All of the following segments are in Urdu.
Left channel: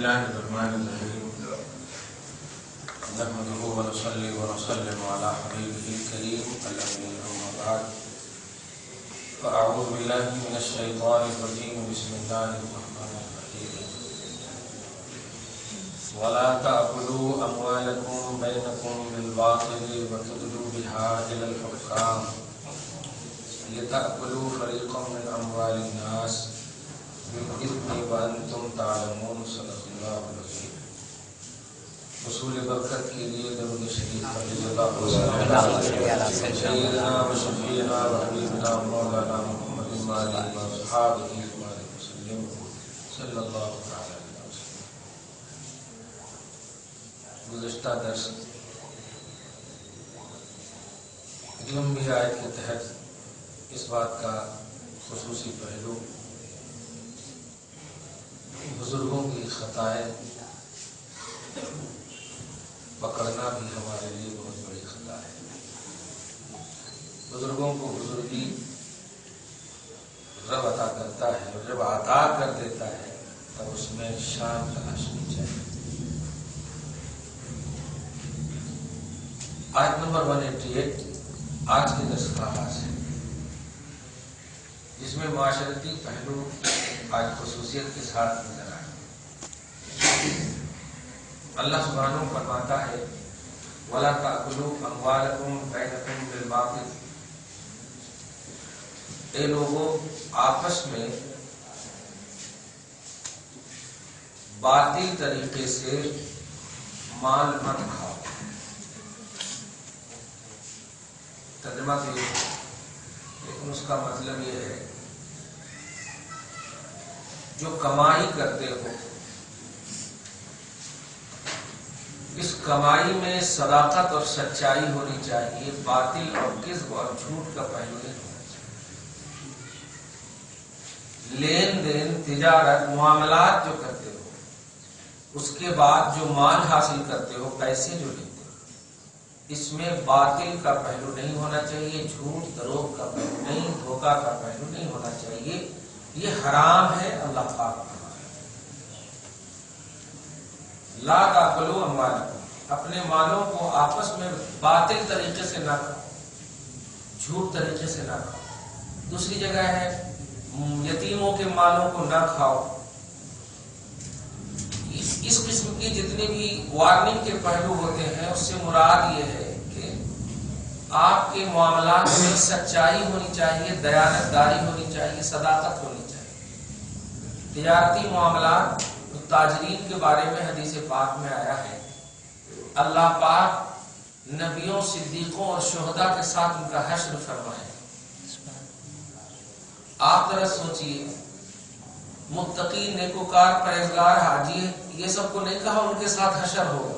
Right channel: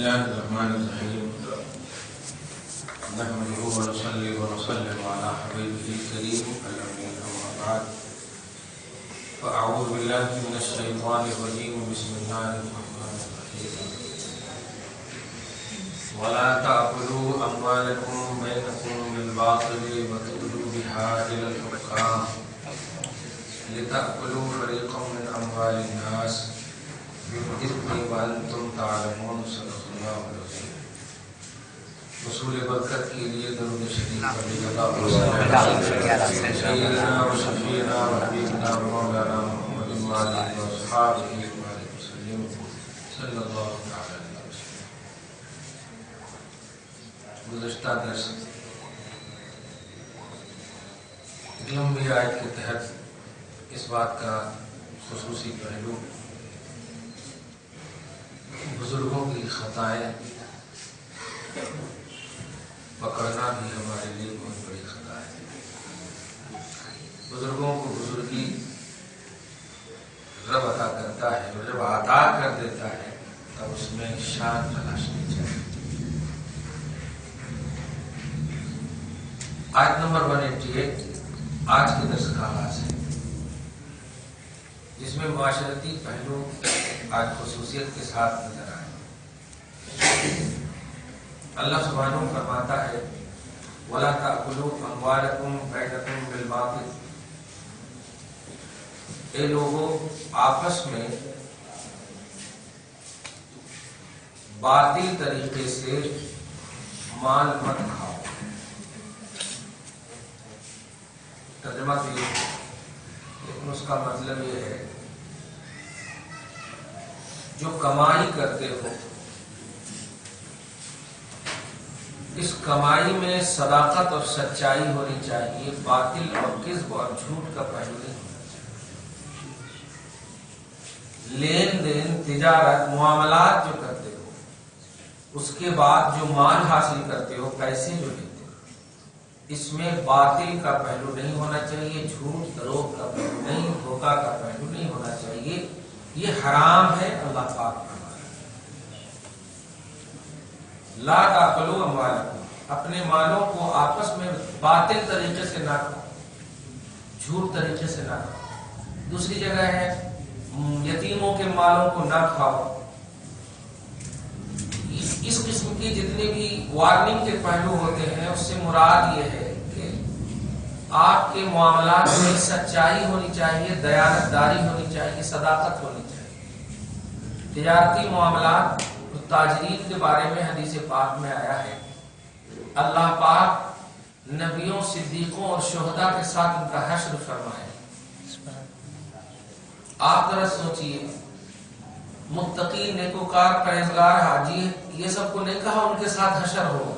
الله الرحمن الرحيم نحمده ونصلي ونسلم على حبيبه الكريم الأمين أما بعد فأعوذ بالله من الشيطان الرجيم بسم الله الرحمن الرحيم ولا تأكلوا أموالكم بينكم بالباطل وتدلوا بها إلى الحكام لتأكلوا فريقا من أموال الناس بالإثم وأنتم تعلمون صدق الله العظيم. رسول برکت کے لیے درود شریف سیدنا و شفیعنا و حبیبنا مولانا محمد وآلہ وصحبہ وسلم صلی اللہ تعالی علیہ وسلم. گزشتہ درس ایک لمبی آیت کے تحت اس بات کا خصوصی پہلو بزرگوں کی خطائیں پکڑنا بھی ہمارے لیے بہت بڑی خطا ہے. بزرگوں کو بزرگی رب عطا کرتا ہے اور جب عطا کر دیتا ہے تو اس میں شان تلاشنی چاہیے. آیت نمبر 188 آج کے درس کا آغاز ہے، جس میں معاشرتی پہلو آج خصوصیت کے ساتھ نظر آئے. اللہ سبحانہ فرماتا ہے وَلَا تَأْكُلُوا أَمْوَالَكُمْ بَيْنَكُمْ بِالْبَاطِلِ، اے لوگوں آپس میں باطل طریقے سے مال مت کھاؤ. ترجمہ تو یہ ہے، لیکن اس کا مطلب یہ ہے جو کمائی کرتے ہو اس کمائی میں صداقت اور سچائی ہونی چاہیے، باطل اور کذب اور جھوٹ کا پہلو نہیں ہونا چاہیے. لین دین، تجارت، معاملات جو کرتے ہو اس کے بعد جو مال حاصل کرتے ہو، پیسے جو لیتے ہو، اس میں باطل کا پہلو نہیں ہونا چاہیے، جھوٹ دروغ کا پہلو نہیں، دھوکہ کا پہلو نہیں ہونا چاہیے. یہ حرام ہے. اللہ پاک لا تاکلوا اموالکم، اپنے مالوں کو آپس میں باطل طریقے سے نہ کھاؤ، جھوٹ طریقے سے نہ کھاؤ. دوسری جگہ ہے یتیموں کے مالوں کو نہ کھاؤ. اس قسم کی جتنے بھی وارننگ کے پہلو ہوتے ہیں اس سے مراد یہ ہے کہ آپ کے معاملات میں سچائی ہونی چاہیے، دیانت داری ہونی چاہیے، صداقت ہونی چاہیے. تجارتی معاملات تاجرین کے بارے میں حدیث پاک میں آیا ہے اللہ پاک نبیوں، صدیقوں اور شہداء کے ساتھ ان کا حشر فرمائے. آپ ذرا سوچئے، متقی، نیکوکار، پرہیزگار، حاجی، یہ سب کو نہیں کہا ان کے ساتھ حشر ہوگا.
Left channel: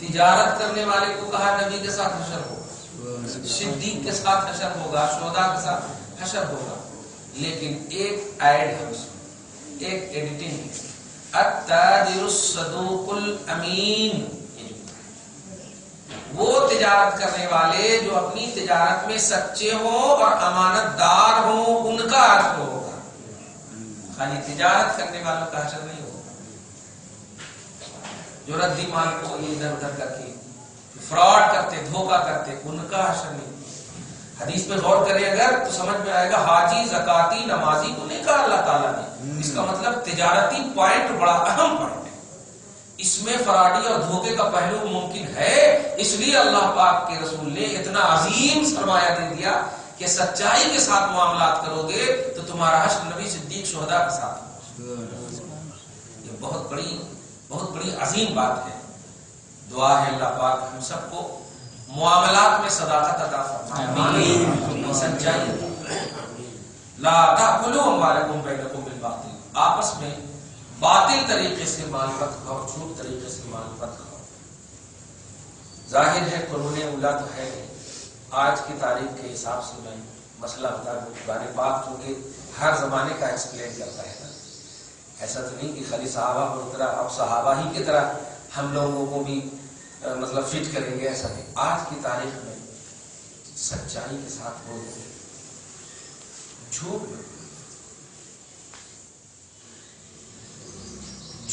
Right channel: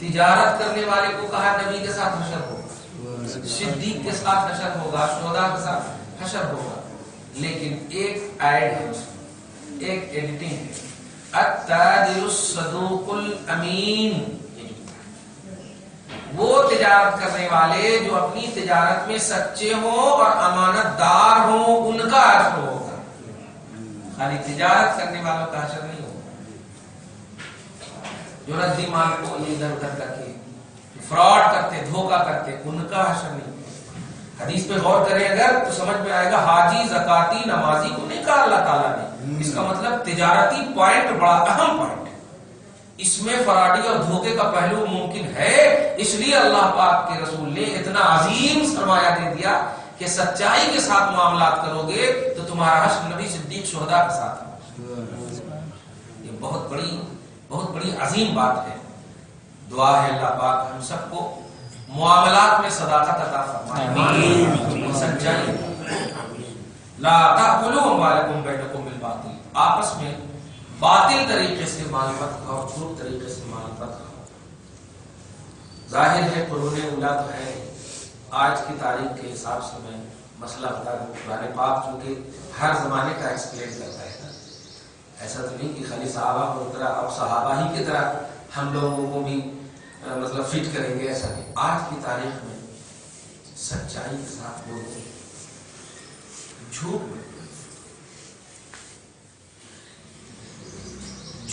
تجارت کرنے والے کو کہا نبی کے ساتھ حشر ہوگا، صدیق کے ساتھ حشر ہوگا، شہداء کے ساتھ حشر ہوگا. لیکن ایک ایڈ ہے، اس میں ایک ایڈیٹنگ ہے، التاجر الصدوق الامین. وہ تجارت کرنے والے جو اپنی تجارت میں سچے ہوں اور امانت دار ہوں، ان کا حشر ہوگا. خالی تجارت کرنے والوں کا حشر نہیں ہوگا. جو ردی مال کو یہ ادھر ادھر کر کے فراڈ کرتے، دھوکہ کرتے، ان کا حشر نہیں. حدیث پہ غور کریں اگر تو سمجھ میں آئے گا حاجی، زکاتی، نمازی کو نہیں کہا اللہ تعالیٰ نے. اس کا مطلب تجارتی پوائنٹ بڑا اہم پوائنٹ ہے. اس میں فراڈی اور دھوکے کا پہلو ممکن ہے، اس لیے اللہ پاک کے رسول نے اتنا عظیم سرمایہ دے دیا کہ سچائی کے ساتھ معاملات کرو گے تو تمہارا حشر نبی، صدیق، شہداء کے ساتھ ہوگا. یہ بہت بڑی عظیم بات ہے. دعا ہے اللہ پاک ہم سب کو معاملات میں صداقت عطا فرمائے، سچائی. لا تأکلوا اموالکم بینکم بالباطل، آپس میں باطل طریقے سے مال مت کھاؤ، جھوٹ طریقے سے مال مت کھاؤ. ظاہر ہے قرون اولا تو ہے نہیں. آج کی تاریخ کے حساب سے میں مسئلہ بتا دوں، قرآن پاک چونکہ ہر زمانے کا ایکسپلین کرتا ہے. ایسا تو نہیں کہ خالی صحابہ اور طرح اب صحابہ ہی کی طرح ہم لوگوں کو بھی مطلب فٹ کریں گے، ایسا نہیں. آج کی تاریخ میں سچائی کے ساتھ بولو، جھوٹ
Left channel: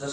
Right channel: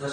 10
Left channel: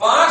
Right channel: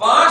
5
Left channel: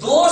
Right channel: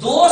2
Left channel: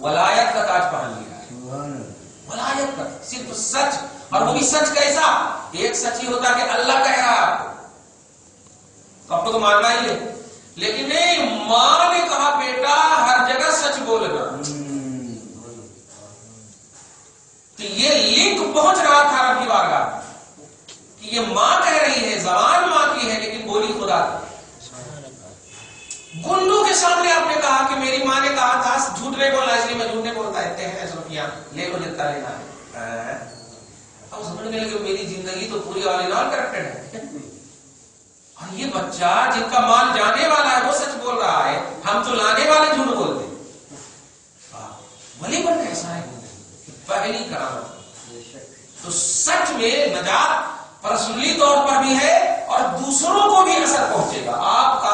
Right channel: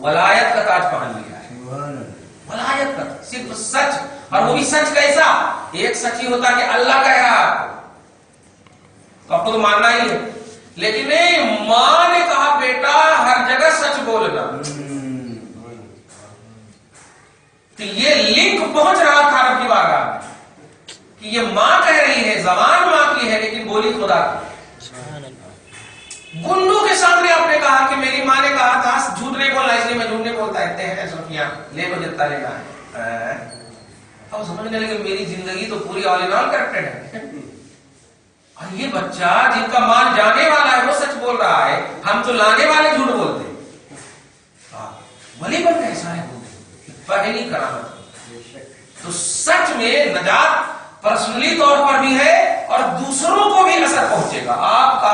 ولایت کا تاج پہن لیا ہے. ولایت کا صرف سچ, اور وہ بھی سچ کیسا؟ ایک سچ ہی ہوتا کہ اللہ کہہ رہا آپ کو تو آپ کو تو ماننا ہی ہے, لیکن نہیں, ماں نے کہا بیٹا ہر جگہ سچ بولنا. تو یہ لنک پہنچ رہا تھا رب کی بارگاہ کہ یہ ماں کہہ رہی ہے, زبان ماں کی ہے لیکن بولی خدا کی. گنڈوں کے سامنے آپ نے کہا کہ میری ماں نے کہا تھا جھوٹ نہیں بولنا, اس لیے میں جھوٹ نہیں بولتا ہے, روپیاں لے کو جتنا لینا ہے. اب سمجھنے لگے میری زندگی تو پوری آل ان آل کریکٹڈ ہے, اور یہ بچہ جن کا مال جانے والا ہے وہ سچ بول رہا ہے, ہم تو لانے والے جھوٹ بولتے ہیں. ولی بن ایسا ہے پہلی کرامت. تو سچ میں نجات پرسنلی طور پر بھی ہے اور دوسروں کو بھی اثر پہنچے گا. آپ کا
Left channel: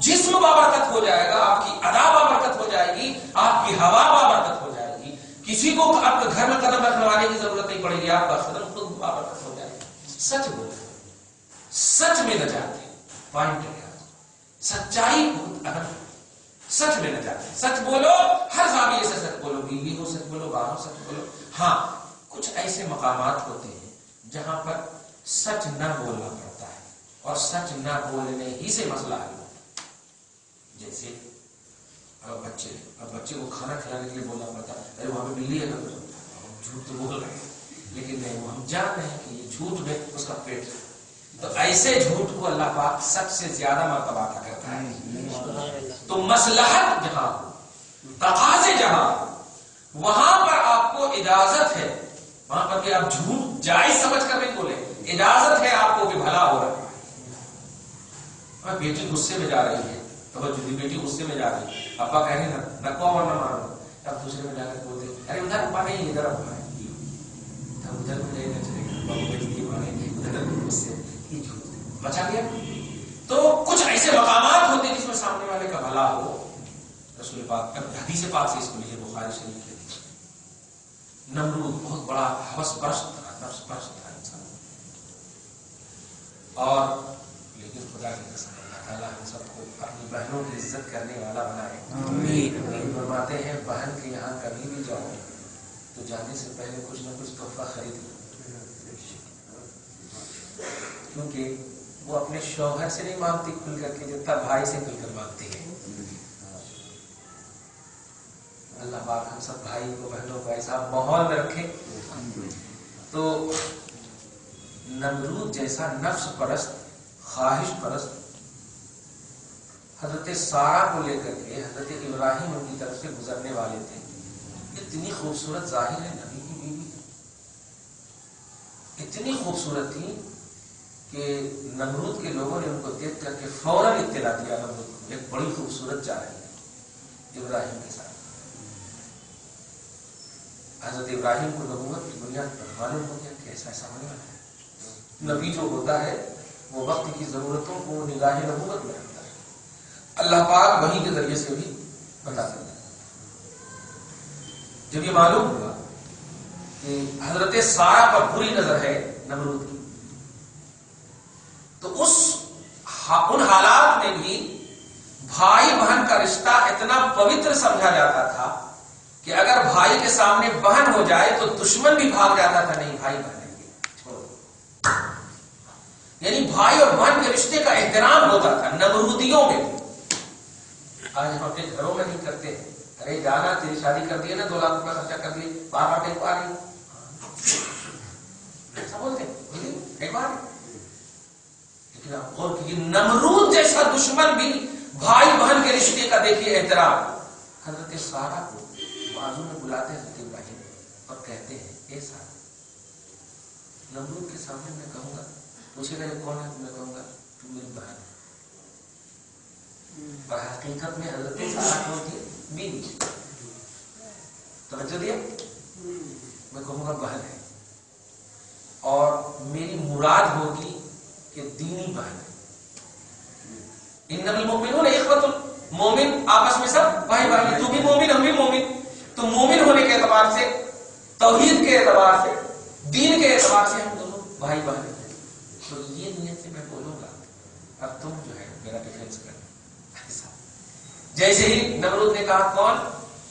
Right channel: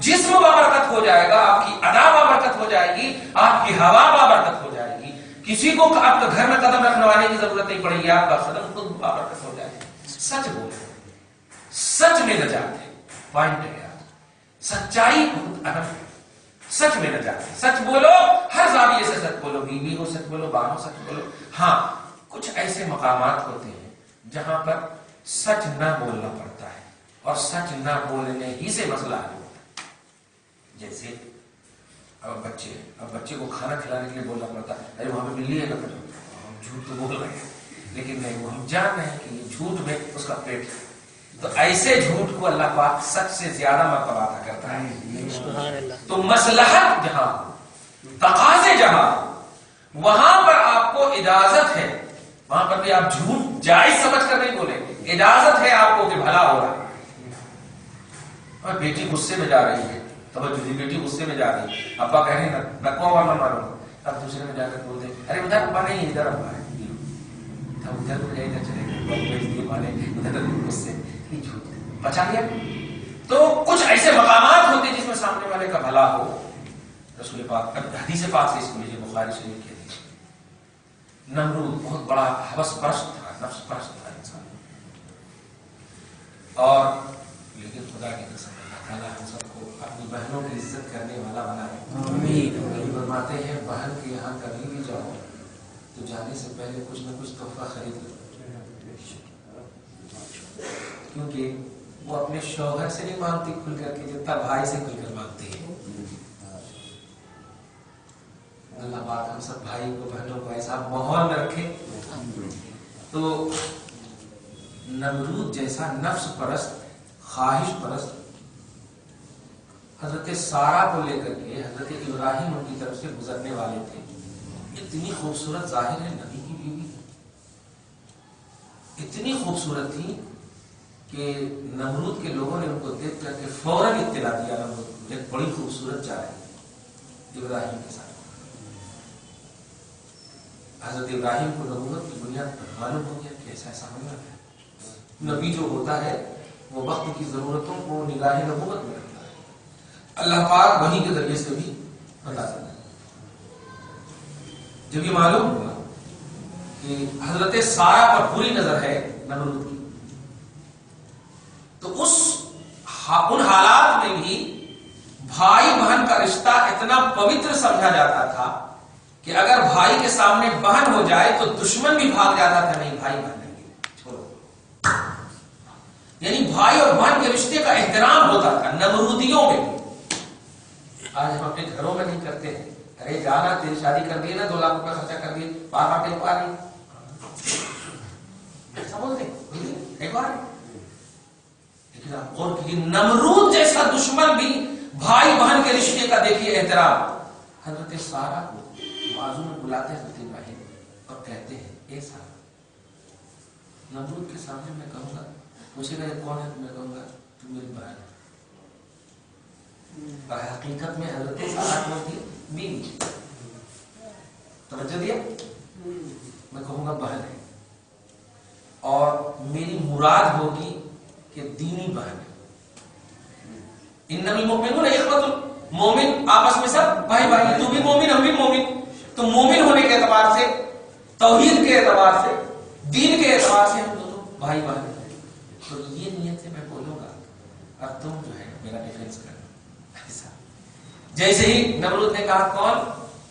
جسم بابرکت ہو جائے گا, آپ کی ادا بابرکت ہو جائے گی, آپ کی ہوا بابرکت ہو جائے گی, کسی کو آپ کے گھر میں قدم رکھنے کی ضرورت نہیں پڑے گی, آپ کا قدم خود بابرکت ہو جائے گا. سچ بولے, سچ میں نجات ہے. پوائنٹ ہے سچائی بہت اہم, سچ میں نجات ہے. سچ بولو, ہر زاویے سے سچ بولو, بیوی ہو سچ بولو, باپ ہو سچ بولو. ہاں کچھ ایسے مقامات ہوتے ہیں جہاں پر سچ نہ بولنا پڑتا ہے اور سچ نہ بولنے ہی سے مسئلہ حل ہوتا ہے. جیسے اب بچے کو کھانا کھلانے کے لیے بولنا پڑتا ہے, ارے وہاں پہ بلی ہے نا, جھوٹ تو بول رہے ہیں لیکن نہیں, وہ ہم جان رہے ہیں کہ یہ جھوٹ میں اس کا پیٹ ہے. تو ایسے جھوٹ کو اللہ پاک سچ سے زیادہ مرتبہ عطا کرتا ہے. تو مصلحت جہاں, تقاضے جہاں, وہاں پر آپ کو اجازت ہے, وہاں پر بھی آپ جھوٹ جائز سمجھ کر نہیں بولیں, اجازت ہے آپ کو کہ بھلا ہو رہا ہے. بیٹی غصے میں جا رہی ہے, بیٹی غصے میں جا رہی ہے, ابا کہہ رہے ہیں میں کون ورنہ مانوں گا, اب دوسرے میں جا کر بولتے ارے ادھر ابا نہیں ادھر ابا ہے, ادھر کو جائے گا چلے گا, ادھر غصے بچا لیا. تو کچھ ایسے مقامات ہوتے جس میں سامنے والے کا بھلا ہو. رسول پاک حدیث پاک سے اس کو لیجیے, بخاری شریف کے نمرود بہت بڑا حوث پرست تھا, نفس پرست تھا انسان, اور لیکن خدا کی قسم اللہ تعالیٰ ہم سب کو اپنی بہنوں کی عزت کرنے والا بنائے. آمین. فرماتے ہیں بہن کے یہاں کبھی بھی جاؤ تو جانے سے پہلے کچھ نہ کچھ تحفہ خرید لو, کیونکہ وہ اپنے شوہر سے نہیں مانگتی کھل کر کے جتنا بھائی سے کھل کر مانگتی ہے. اللہ پاک ہم سب بھائی کو بہنوں کو ایسا ماحول میں رکھے. تو نمرود جیسا نفس پرست, خواہش پرست, حضرت سارا کو لے کر کے حضرت ابراہیم ان کی طرف سے گزرنے والے تھے. اتنی خوبصورت ظاہر ہے نبی کی بیوی, اتنی خوبصورت تھی کہ نمرود کے لوگوں نے ان کو دیکھ کر کے فوراً اطلاع دیا نمرود کو ایک بڑی خوبصورت جا رہی ہے ابراہیم کے ساتھ. حضرت ابراہیم کو نبوت کی بنیاد پر معلوم ہو گیا کہ ایسا ایسا ہونے والا ہے. نبی جو ہوتا ہے وہ وقت کی ضرورتوں کو نگاہ نبوت میں رکھتا ہے. اللہ پاک وحی کے ذریعے سے بھی بتاتا ہے. جب یہ معلوم ہوا کہ حضرت سارا پر بری نظر ہے نمرود کی, تو ان حالات میں بھی بھائی بہن کا رشتہ اتنا پوتر سمجھا جاتا تھا کہ اگر بھائی کے سامنے بہن ہو جائے تو دشمن بھی بھاگ جاتا تھا, نہیں بھائی بہن ہے چھوڑو. یعنی بھائی اور بہن کے رشتے کا احترام ہوتا تھا نمرودیوں میں بھی. آج ہم اپنے گھروں میں نہیں کرتے ہیں, ارے جانا تیری شادی کر دی نا, 2 لاکھ روپے خرچہ کر دیے, بار ٹیک پا رہی ایسا بولتے ایک بار. لیکن آپ غور کیجیے نمرود جیسا دشمن بھی بھائی بہن کے رشتے کا دیکھیے احترام. حضرت سارا کو بازو میں بلاتے ہیں حضرت ابراہیم اور کہتے ہیں اے سارا, نمرود کے سامنے میں کہوں گا, پوچھے گا یہ کون ہے, تو میں کہوں گا تو میری بہن ہے. اور حقیقت میں حضرت سارا کون تھی, بیوی. توجہ دیا, میں کہوں گا بہن ہے, اور میری مراد ہوگی کہ دینی بہن ہے. انما المؤمنون اخوۃ, مومن آپس میں سب بھائی بھائی, تو بھی مومن ہم بھی مومن. تو مومن ہونے کے اعتبار سے, توحید کے اعتبار سے, دین کے اعتبار سے ہم دونوں بھائی بہن ہیں. تو یہ نیت سے میں بولوں گا اور تم جو ہے میرا ڈیفینس کرنا. ایسا جیسے ہی نمرود نے کہا کون,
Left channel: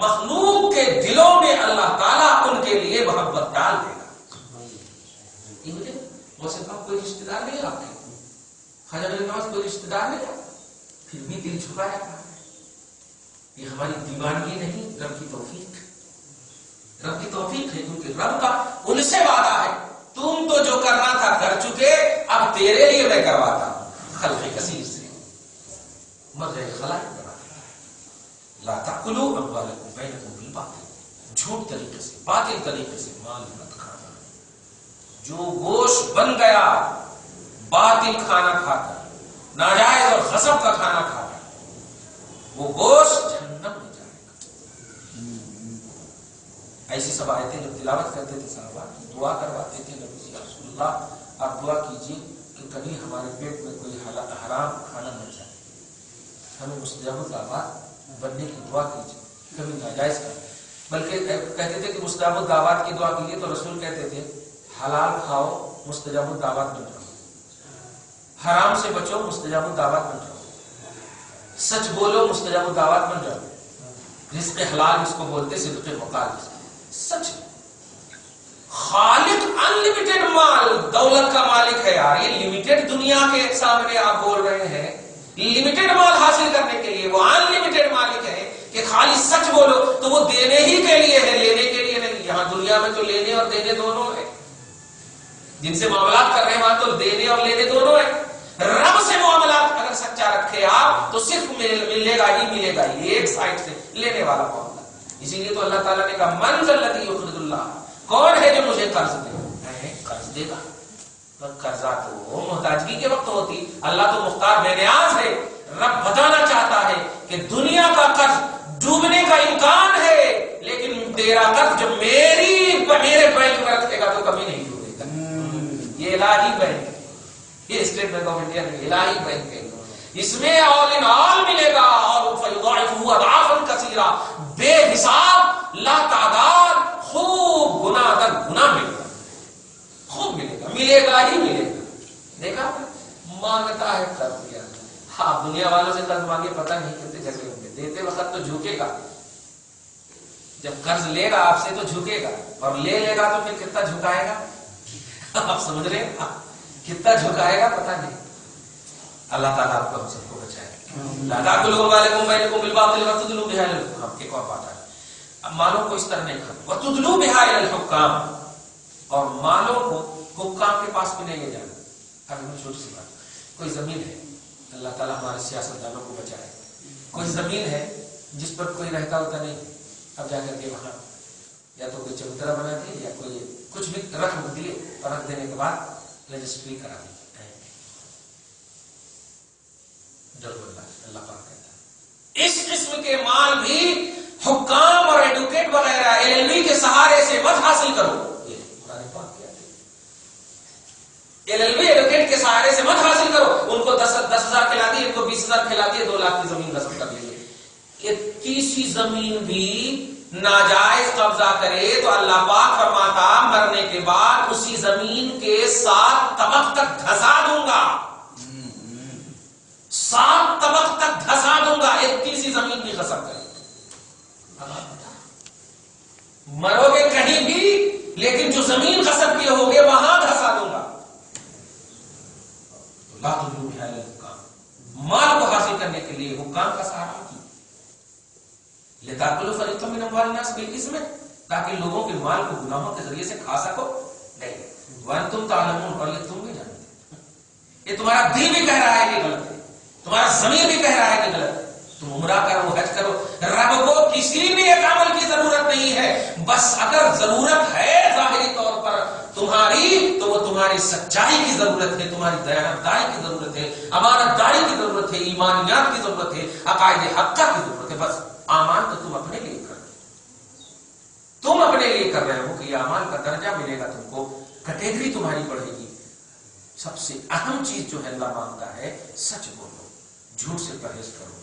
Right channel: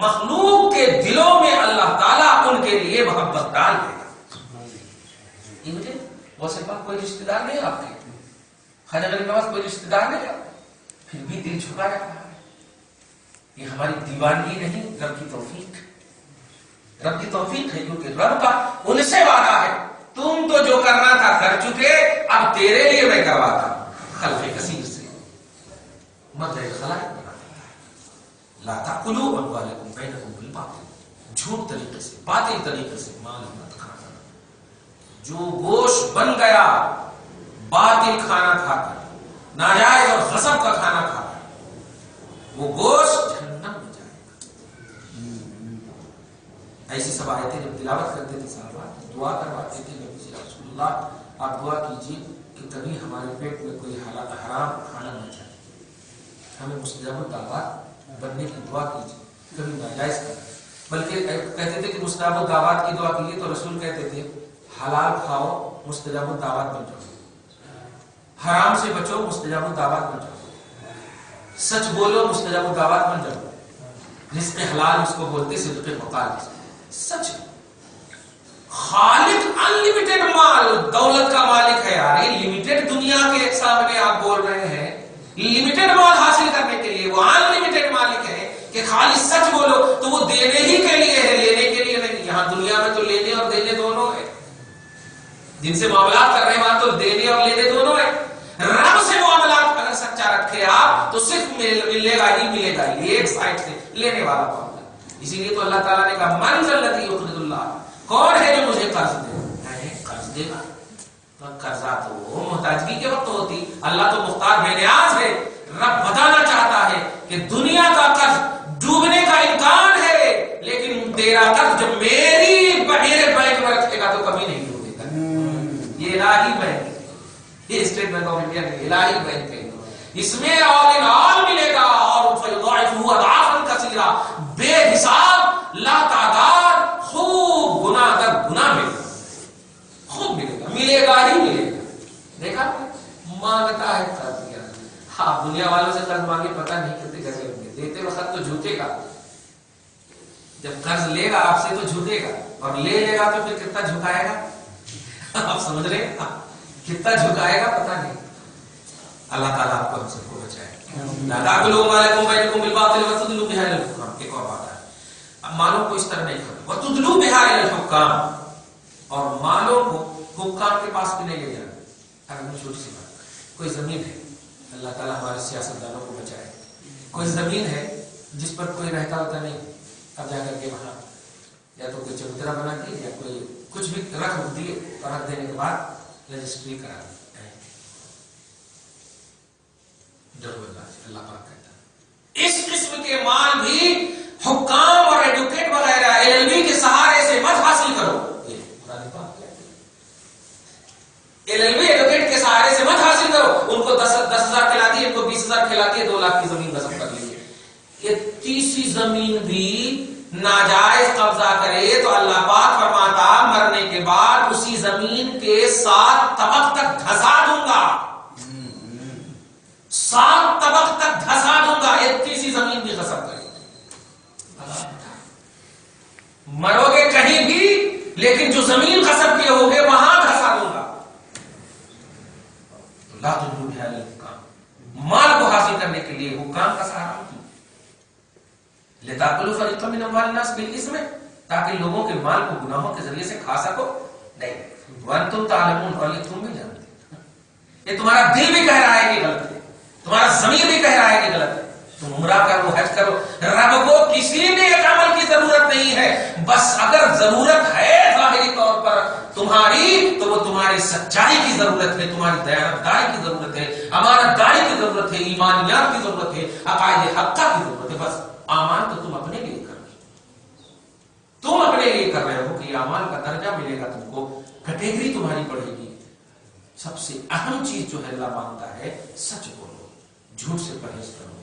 مخلوق کے دلوں میں اللہ تعالیٰ ان کے لیے محبت ڈال دے گا. ویسے کوئی رشتے دار نہیں آپ کے، خواجہ غریب نواز کوئی رشتے دار نہیں آپ، پھر بھی دل جھکا جاتا ہے. یہ ہماری دیوانگی نہیں، رب کی توفیق، رب کی توفیق ہے، کیونکہ رب کا ان سے وعدہ ہے تم تو جو کرنا تھا کر چکے، اب تیرے لیے میں کرواتا ہوں. خلق کثیر سے مرجع خلائق بنا دیتا ہے. لا تأکلوا اموالکم بینکم بالباطل، جھوٹ طریقے سے، باطل طریقے سے مال مت کھانا. جو گوشت بن گیا باطل کھانا کھا کر، ناجائز اور غصب کا کھانا کھا کر، وہ گوشت جہنم میں جائے گا. ایسی سب آیتیں جب تلاوت کرتے تھے صحابہ، دعا کرواتے تھے نبی سے، رسول اللہ آپ دعا کیجیے کہ کبھی ہمارے پیٹ میں کوئی حرام کھانا نہ جائے، ہمیں مستجاب الدعوات بننے کی دعا کیجیے، کبھی ناجائز کر. بلکہ کہتے تھے کہ مستجاب الدعوات کی دعا کیجیے تو رسول کہتے تھے حلال کھاؤ مستجاب الدعوات بن جاؤ، حرام سے بچو مستجاب الدعوات بن جاؤ، سچ بولو مستجاب الدعوات بن جاؤ. رزق حلال اس کو بولتے، صدق مقال سچ. خالق انلمیٹڈ مال، دولت کا مالک ہے یار. یہ لمیٹڈ دنیا کے سامنے آپ بول رہے ہیں لمیٹڈ مال حاصل کرنے کے لیے، وہ انلمیٹڈ مالک ہے کہ خالی سچ بولو تو وہ دینے ہی کے لیے ہے، لینے کے لیے نہیں. یہاں دنیا میں تو لینے اور دینے دونوں ہے، جن سے معاملات کر رہے ہیں وہاں تو دینے اور لینے دونوں ہے. رب سے معاملات اگر سچا رکھے آپ تو صرف ملے گا ہی ملے گا، یہ ایک سائڈ سے لینے والا معاملہ. اسی لیے تو اللہ تعالیٰ نے کہا من ذا الذی یقرض اللہ، کون ہے جو مجھے قرض دے؟ قرض دے گا. قرضہ تو محتاجگی کے وقت ہوتی، اللہ تو مختار بے نیاز ہے. رب بتانا چاہتا ہے کہ دنیا کا قرض ڈوبنے کا امکان ہے، لیکن تیرا قرض جب میرے بینک میں رکھے گا تو کبھی نہیں ڈوبے گا. یہ الہی بینک ہے، یہ اسٹیٹ بینک آف انڈیا نہیں، الہی بینک ہے. اس میں آل ان آل ملے گا، اور فیضاعفہ اضعافا کثیرا، بے حساب لا تعداد خوب گناہ در گناہ ملے گا، خوب ملے گا، ملے گا ہی ملے گا. دیکھا مانگتا ہے قرض دیا. آپ دنیا والوں سے قرض مانگے پتہ نہیں کتنے گزے ہوں گے، دیتے وقت تو جھوکے گا، جب قرض لے گا آپ سے تو جھکے گا، اور لے گا تو پھر کتنا جھکائے گا. آپ سمجھ رہے ہیں کتنا جھکائے گا پتہ نہیں. اللہ تعالیٰ آپ کو ہم سب کو بچائے. لا تأکلوا اموالکم بینکم بالباطل وتدلوا بها الی الحکام. ایک اور بات ہے، مالوں کو اس طرح نہیں کھانا. وتدلوا بها الی الحکام، اور مالوں کو حکام کے پاس بھی نہیں لے جانا. اب چھوٹی سی بات، کوئی زمین ہے، اللہ تعالیٰ ہمارے سیاستدانوں کو بچائے، کوئی زمین ہے جس پر کوئی رہتا ہوتا نہیں، اب جا کر کے وہاں یا تو کوئی چبوترا بنا دیے یا کوئی کچھ بھی رکھ دیے، اور رکھ دینے کے بعد رجسٹری کرا دی. اللہ پاک کہتا ہے اس قسم کے مال بھی حکام اور ایڈوکیٹ وغیرہ LLB کے سہارے سے مت حاصل کرو. LLB ایڈوکیٹ کے سہارے سے مت حاصل کرو. ان کو 10,000 کھلاتی ہے، ان کو 20,000 کھلاتی ہے، 2 لاکھ کی زمین غصب کر لیجیے. اتنی سی زمین بھی ناجائز قبضہ کرے تو اللہ پاک فرماتا مرنے کے بعد اسی زمین کے 7 طبق تک دھسا دوں گا، 7 طبق تک دھسا دوں گا. اتنی سی زمین بھی غصب کرے، مرو گے کہیں بھی لیکن جو زمین غصب کیے ہوگے وہاں دھسا دوں گا. لا تدلوا بها الی الحکام، مال کو حاصل کرنے کے لیے حکام کا سہارا لتاکلوا فریقا من اموال الناس بالاثم، تاکہ لوگوں کے مال کو گناہوں کے ذریعے سے کھا سکو. نہیں، وانتم تعلمون، اور یہ تم بھی جانتے، یہ تمہارا دل بھی کہہ رہا ہے کہ غلط ہے، تمہارا ضمیر بھی کہہ رہا ہے کہ غلط ہے. تم عمرہ کرو، حج کرو، رب کو کسی بھی ایک عمل کی ضرورت نہیں ہے. بس اگر ضرورت ہے ظاہری طور پر تمہاری، تو وہ تمہاری سچائی کی ضرورت ہے، تمہاری دیانتداری کی ضرورت ہے، امانت داری کی ضرورت ہے، ایمانیات کی ضرورت ہے، عقائد حقہ کی ضرورت ہے. بس اعمال تو تم اپنے لیے کر رہے ہو، تم اپنے لیے کر رہے ہو کہ اعمال کا درجہ ملے گا تم کو، کیٹیگری تمہاری بڑھے گی. سب سے اہم چیز جو ہے اللہ مانگتا ہے سچ بولو، جھوٹ سے پرہیز کرو،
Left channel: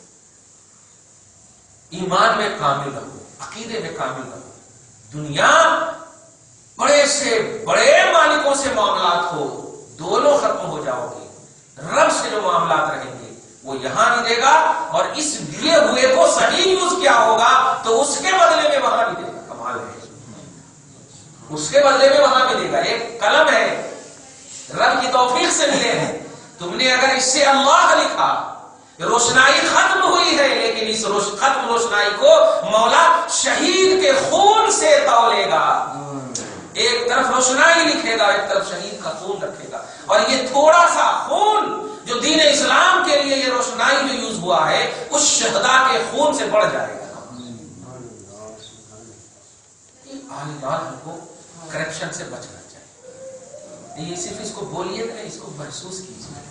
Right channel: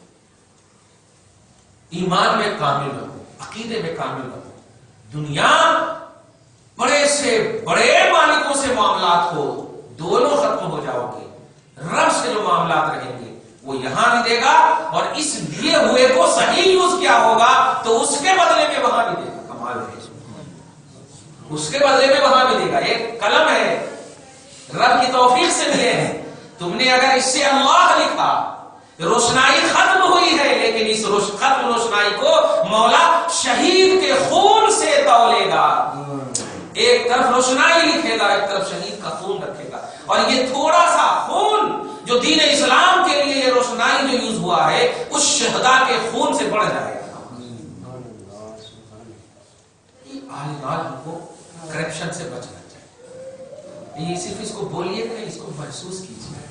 ایمان میں کامل رہو، عقیدے میں کامل رہو. دنیا بڑے سے بڑے مالکوں سے معاملات ہو، دونوں ختم ہو جاؤ گے. رب سے جو معاملات رہیں گے وہ یہاں بھی دے گا، اور اس دیے ہوئے کو صحیح یوز کیا ہوگا تو اس کے بدلے میں وہاں بھی دے گا. کمال ہے، اس کے بدلے میں وہاں بھی دے گا. ایک قلم ہے، رب کی توفیق سے ملے ہیں، تم نے اگر اس سے اللہ لکھا، روشنائی ختم ہوئی ہے، لیکن اس ختم روشنائی کو مولا شہید کے خون سے تولے گا. ایک طرف روشنائی لکھے گا، ایک طرف شہید کا خون رکھے گا، اور یہ تھوڑا سا خون جو دین اسلام کے لیے یہ روشنائی جو یوز ہوا ہے اس شہداء کے خون سے بڑھ جائے گا. کو کرپشن سے بچنا چاہیے. یہ صرف اس کو بولیے نہیں، اس کو محسوس کیجیے.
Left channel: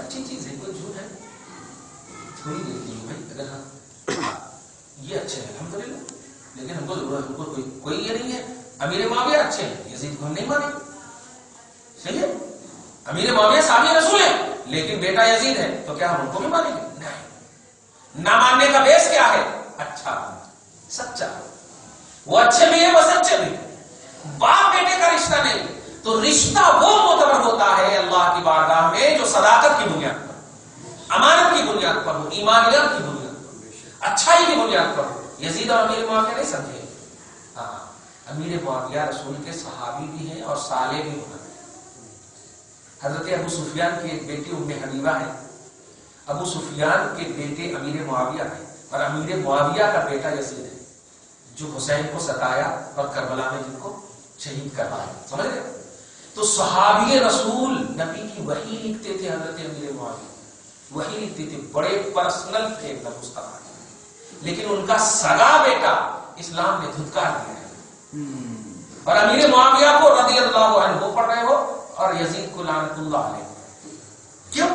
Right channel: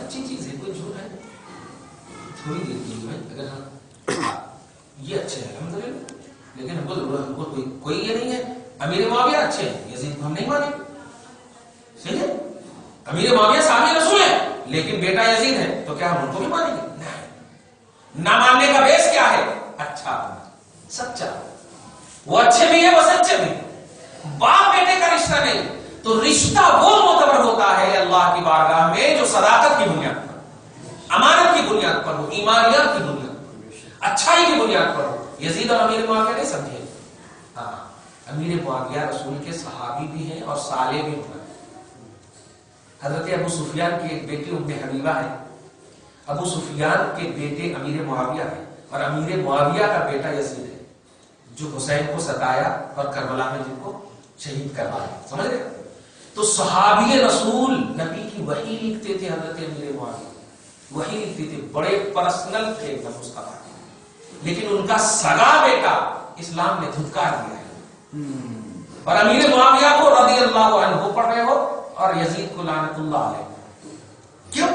اچھی چیز ہے، کوئی جھوٹ ہے تھوڑی دیر کی بھائی. اگر ہم یہ اچھے ہیں الحمدللہ، لیکن ہم کو کوئی یہ نہیں ہے امیر معاویہ اچھے ہیں، یزید کو ہم نہیں مانیں. صحیح ہے، امیر معاویہ صحابی رسول ہے لیکن بیٹا یزید ہے، تو کیا ہم ان کو بھی مانیں گے؟ نہیں. نہ ماننے کا بیس کیا ہے؟ اچھا سچا. وہ اچھے بھی ہے، وہ سچے بھی. باپ بیٹے کا رشتہ نہیں، تو رشتہ وہ معتبر ہوتا ہے اللہ کی بارگاہ میں جو صداقت کی بنیاد پر، امانت کی بنیاد پر ہو، ایمانیات کی بنیاد پر، اچھائی کی بنیاد پر ہو. یزید اور امیر معاویہ نہیں سمجھے. ہاں، امیر معاویہ رسول کے صحابی بھی ہیں اور صالح بھی ہونا. حضرت ابو سفیان کی ایک بیٹی ام حبیبہ ہے. ابو سفیان کے بیٹے امیر معاویہ ہے، اور امیر معاویہ کا بیٹا یزید ہے جو حسین کو ستایا اور کربلا میں جن کو شہید کروایا. سمجھ رہے؟ تو صحابی رسول نبی کی وحی لکھتے تھے. حضرت امیر معاویہ وحی لکھتے تھے، بڑے پرسنل تھے ایک دم مصطفیٰ. لیکن ان کا سگا بیٹا اسلام نے دھتکار دیا ہے، اور امیر معاویہ کو رضی اللہ عنہ پڑھ رہے ہو اور یزید کو لعنت اللہ علیہ. کیوں؟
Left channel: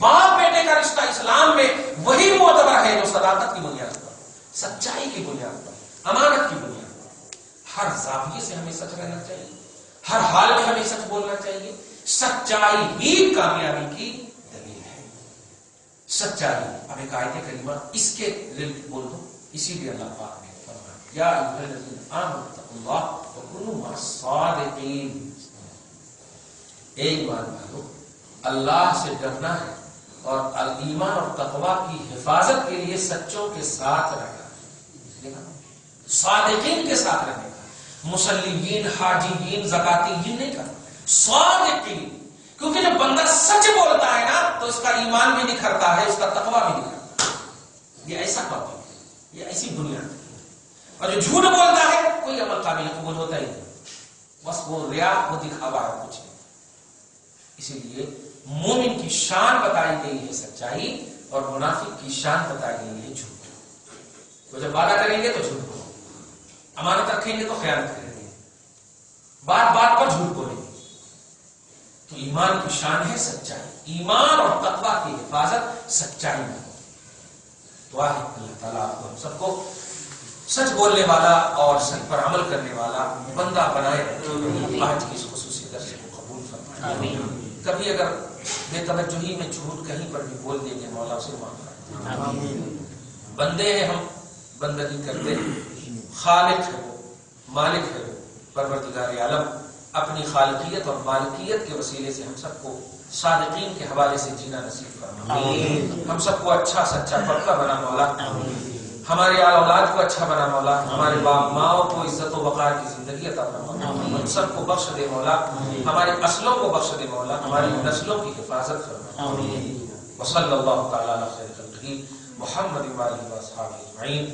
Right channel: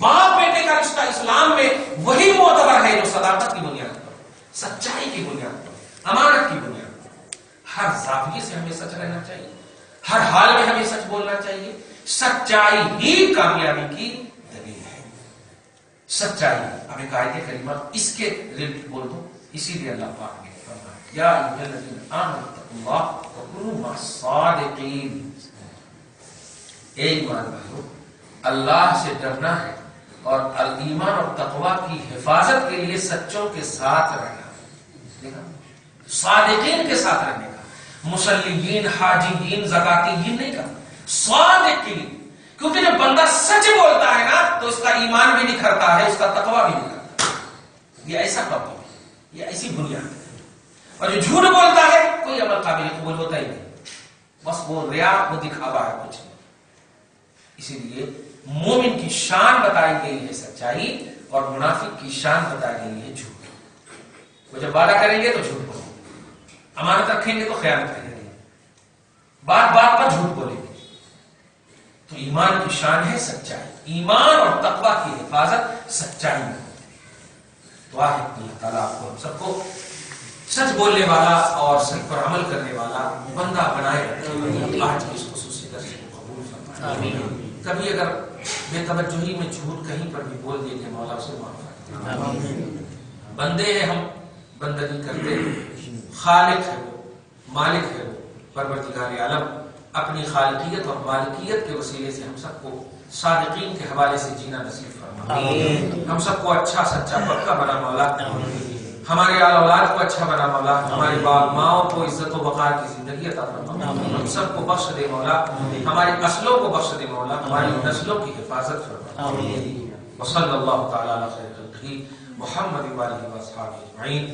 باپ بیٹے کا رشتہ اسلام میں وہی معتبر ہے جو صداقت کی بنیاد پر، سچائی کی بنیاد پر، امانت کی بنیاد پر. ہر زاویے سے ہمیں سچ رہنا چاہیے، ہر حال میں ہمیں سچ بولنا چاہیے. سچائی ہی کامیابی کی دلیل ہے. سچائی. اب ایک آیت کریمہ اس کے ریلیٹڈ بول دوں. اسی لیے اللہ پاک نے فرمایا یا ایھا الذین آمنوا اتقوا اللہ وکونوا مع الصادقین. اے ایمان والو، اللہ سے ڈرنا ہے اور ایمان اور تقوی کی حفاظت کے لیے سچوں کے ساتھ رہنا، صادقین کے ساتھ رہنے کا. مسلمین، حاجیین، زکاتیین نہیں کرنا، صادقین. کیونکہ جب بندہ سچ بولتا ہے نا تو اس کا ایمان بھی نکھرتا ہے، اس کا تقوی بھی نکھرتا ہے. یہ ایسا ٹاپک ہے، یہ ایسی بنیاد ہے. اور جو جھوٹ بولتا ہے کوئی عمل قابل قبول ہوتا ہی نہیں، بس وہ ریا، وہ دکھاوا ہے، کچھ نہیں. اسی لیے مومن کی شان بتائی گئی ہے سچائی، اور منافق کی شان بتائی گئی ہے جھوٹ. وہ جب وعدہ کریں گے تو جھوٹ بولیں گے، امانت رکھیں گے تو خیانت کریں گے، بات بات پر جھوٹ بولیں گے. تو ایمان کی شان ہے سچائی. ایمان اور تقوی کی حفاظت سچائی میں. دعا ہے اللہ تعالیٰ آپ کو ہم سب کو سچ بولنے والا اور سچ پر عمل کرنے والا بندہ بنائے. آج کی اس خصوصی درس کو قبول فرمائے. کبھی اگر بے توجہی میں جھوٹ کہیں پر بھی بول دیں گے مولا اسے معاف کرے. بندے ہیں ہم، بندگی کرتے ہیں. خالق ہے وہ، مالک ہے وہ، پروردگار عالم. اپنی خالقیت اور مالکیت کے وسیلے سے ہم سب کو صادقین کے حوالے سے جینا نصیب فرما. ہم سب کو اچھا سچا پکا بنا مولا. ہمارے آل اولاد کو اچھا بنا مولا. ہمارے باپ ماؤں کو عزت و وقار کی زندگی عطا فرما. ہم سب کو بخش دے مولا. ہماری نسلوں کو بخش دے مولا. ہماری نسلوں کی حفاظت فرما. وصلی اللہ تعالی علی خیر خلقہ محمد و آلہ و اصحابہ اجمعین.